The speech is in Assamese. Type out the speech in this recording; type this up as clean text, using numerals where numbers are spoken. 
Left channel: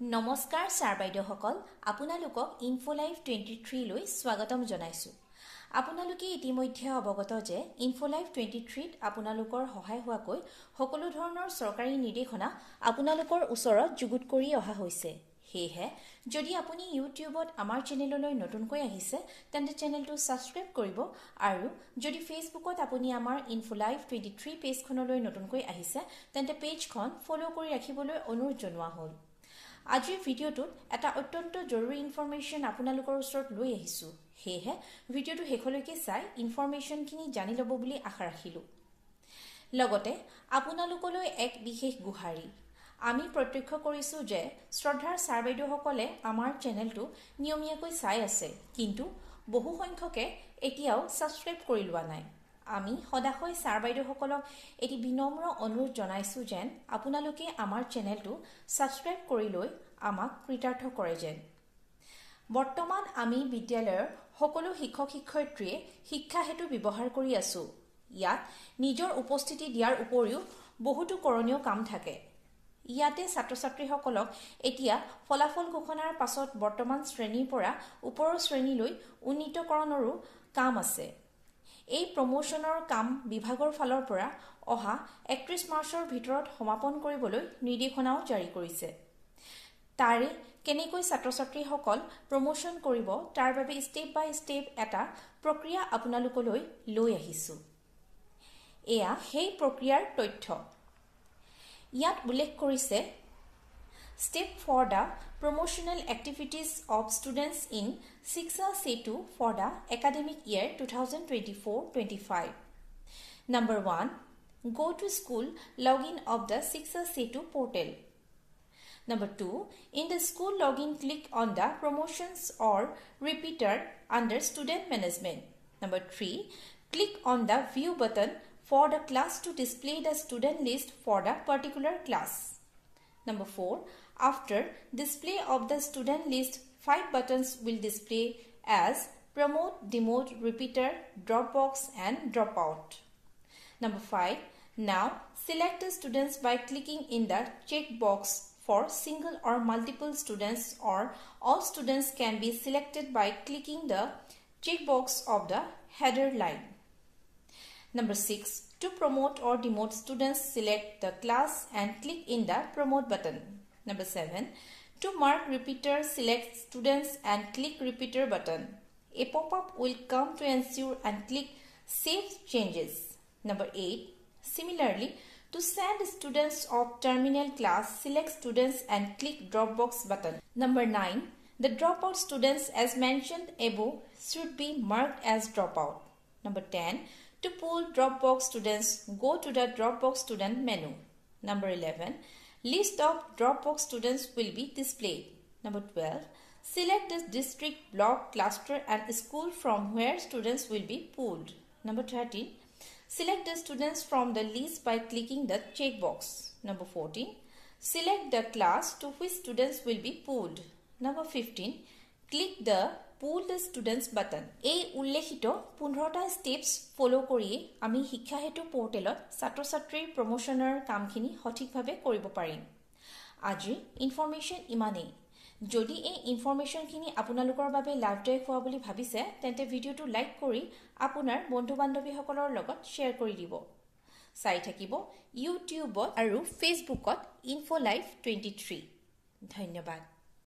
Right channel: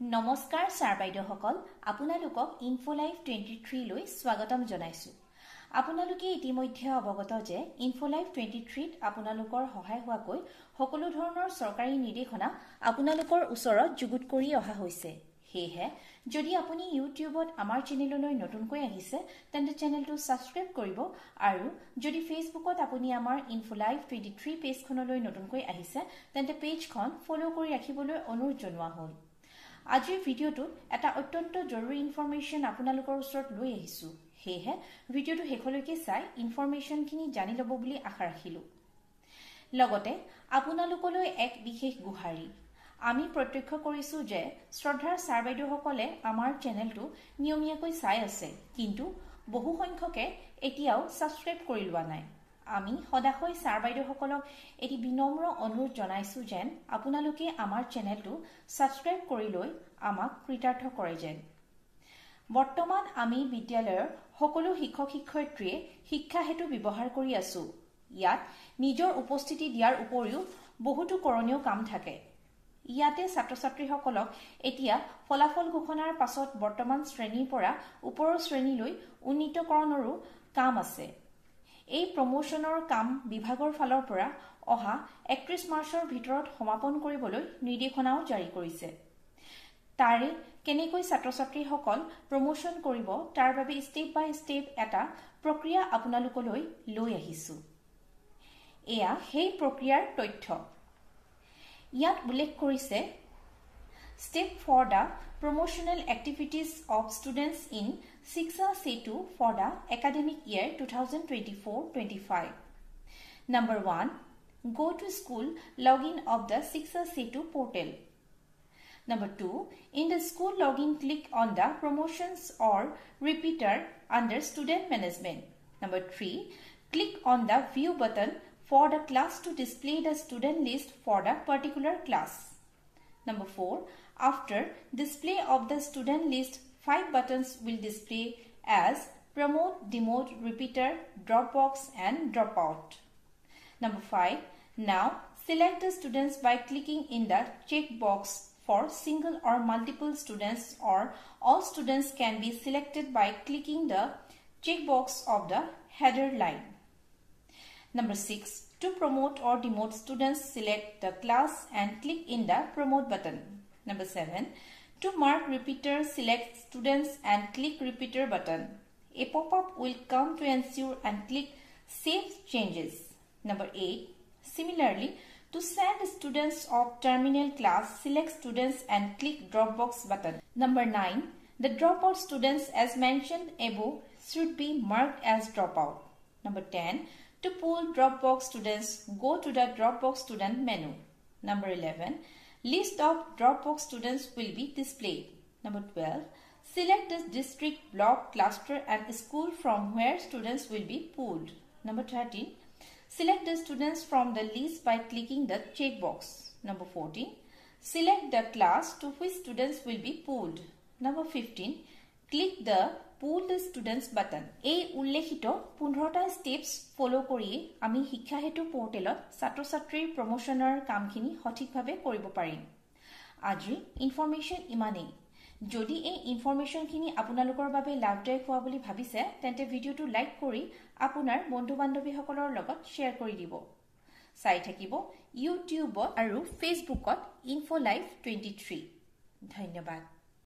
নমস্কাৰ ছাৰ বাইদেউসকল আপোনালোকক ইনফোলাইফ 23 লৈ স্বাগতম জনাইছো। আপোনালোকে ইতিমধ্যে অৱগত যে ইনফোলাইফ 23 ত আপোনালোকৰ সহায় হোৱাকৈ সকলো ধৰণৰ চৰকাৰী নিৰ্দেশনা আপোনালোকৰ ওচৰত যুগুত কৰি অহা হৈছে। হেহে যদি আপুনি ইউটিউবত আমাৰ চেনেললৈ নতুনকৈ আহিছে তেন্তে চেনেলটো সাবস্ক্ৰাইব কৰিব আৰু যদি ফেসবুকত আপুনি আমাৰ ইনফোলাইফ 23 পেজখনলৈ নতুনকৈ আহিছে তেন্তে পেজখন ফলো কৰি ৰাখিবলৈ অনুৰোধ জনোৱা হ'ল। আজিৰ ভিডিওটো এটা অত্যন্ত জৰুৰী ইনফৰমেশন আপোনালোকৰ ওচৰত লৈ আহিছো। হেহে ভিডিওটো শেষলৈকে চাই ইনফৰমেশনখিনি জানি ল'ব বুলি আশা ৰাখিলো। লগতে আপোনালোকলৈ এক বিশেষ গুহাৰি। আমি প্ৰত্যক্ষ কৰিছো যে শ্ৰদ্ধাৰ ছাৰ বাইদেউসকলে আমাৰ চেনেলটো নিয়মীয়াকৈ চাই আছে, কিন্তু বহু সংখ্যকে এতিয়াও সাবস্ক্ৰাইব কৰি লোৱা নাই। আমি সদায় ছাৰ বাইদেউসকলক এটি বিনম্ৰ অনুৰোধ জনাইছো যেন আপোনালোকে আমাৰ চেনেলটো সাবস্ক্ৰাইব কৰি লৈ আমাক কৃতাৰ্থ কৰে যেন। বৰ্তমান আমি বিদ্যালয়ৰ সকলো শিক্ষক শিক্ষয়িত্ৰীয়ে শিক্ষা হেতু ব্যৱহাৰ কৰি আছো। ইয়াত নিজৰ উপস্থিতি দিয়াৰ উপৰিও বহুতো কৰণীয় কাম থাকে। ইয়াতে ছাত্ৰ ছাত্ৰীসকলক এতিয়া ফলাফল ঘোষণাৰ পাছত বৰ্তমান শ্ৰেণীৰ পৰা ওপৰৰ শ্ৰেণীলৈ উন্নীতকৰণৰো কাম আছে। এই প্ৰমোশনৰ কাম বিভাগৰ ফালৰ পৰা অহা 31 মাৰ্চৰ ভিতৰত সমাপন কৰিবলৈ নিৰ্দেশনাও জাৰি কৰিছে। তাৰে কেনেকৈ ছাত্ৰ ছাত্ৰীসকল প্ৰমোশন কৰিব তাৰ বাবে ষ্টেপ বাই ষ্টেপ এটা প্ৰক্ৰিয়া আপোনালোকলৈ লৈ আহিছো। এয়া সেই প্ৰক্ৰিয়াৰ তথ্য। ইয়াত উল্লেখ কৰিছে Step for the promotional activities of students in Shiksha Setu for the academic year 2024-25. Number 1. Go to school login of the Shiksha Setu portal. Number 2. In the school login, click on the promotions or repeater under student management. Number 3. Click on the view button for the class to display the student list for the particular class. Number 4. After display of the student list, 5 buttons will display as promote, demote, repeater, dropbox and dropout. Number 5. Now select the students by clicking in the checkbox for single or multiple students, or all students can be selected by clicking the checkbox of the header line. Number 6. To promote or demote students, select the class and click in the promote button. Number 7. To mark repeater, select students and click repeater button. A pop-up will come to ensure and click save changes. Number 8. Similarly, to send students of terminal class, select students and click Dropbox button. Number 9. The dropout students as mentioned above should be marked as dropout. Number 10. To pull Dropbox students, go to the Dropbox student menu. Number 11. List of Dropbox students will be displayed. Number 12. Select the district, block, cluster and school from where students will be pulled. Number 13. Select the students from the list by clicking the checkbox. Number 14. Select the class to which students will be pulled. Number 15. Click the Pull the Students button. এই উল্লেখিত 15টা স্টেপস ফলো কৰি আমি শিক্ষা হেতু পোৰ্টেলত ছাত্ৰ ছাত্ৰীৰ প্ৰমোশনৰ কামখিনি সঠিকভাৱে কৰিব পাৰিম। আজি ইনফৰমেশন ইমানেই। যদি এই ইনফৰমেশনখিনি আপোনালোকৰ বাবে লাভদায়ক হোৱা বুলি ভাবিছে তেন্তে ভিডিওটো লাইক কৰি আপোনাৰ বন্ধু-বান্ধৱীসকলৰ লগত শ্বেয়াৰ কৰি দিব। চাই থাকিব ইউটিউবত আৰু ফেসবুকত ইনফোলাইফ 23। ধন্যবাদ।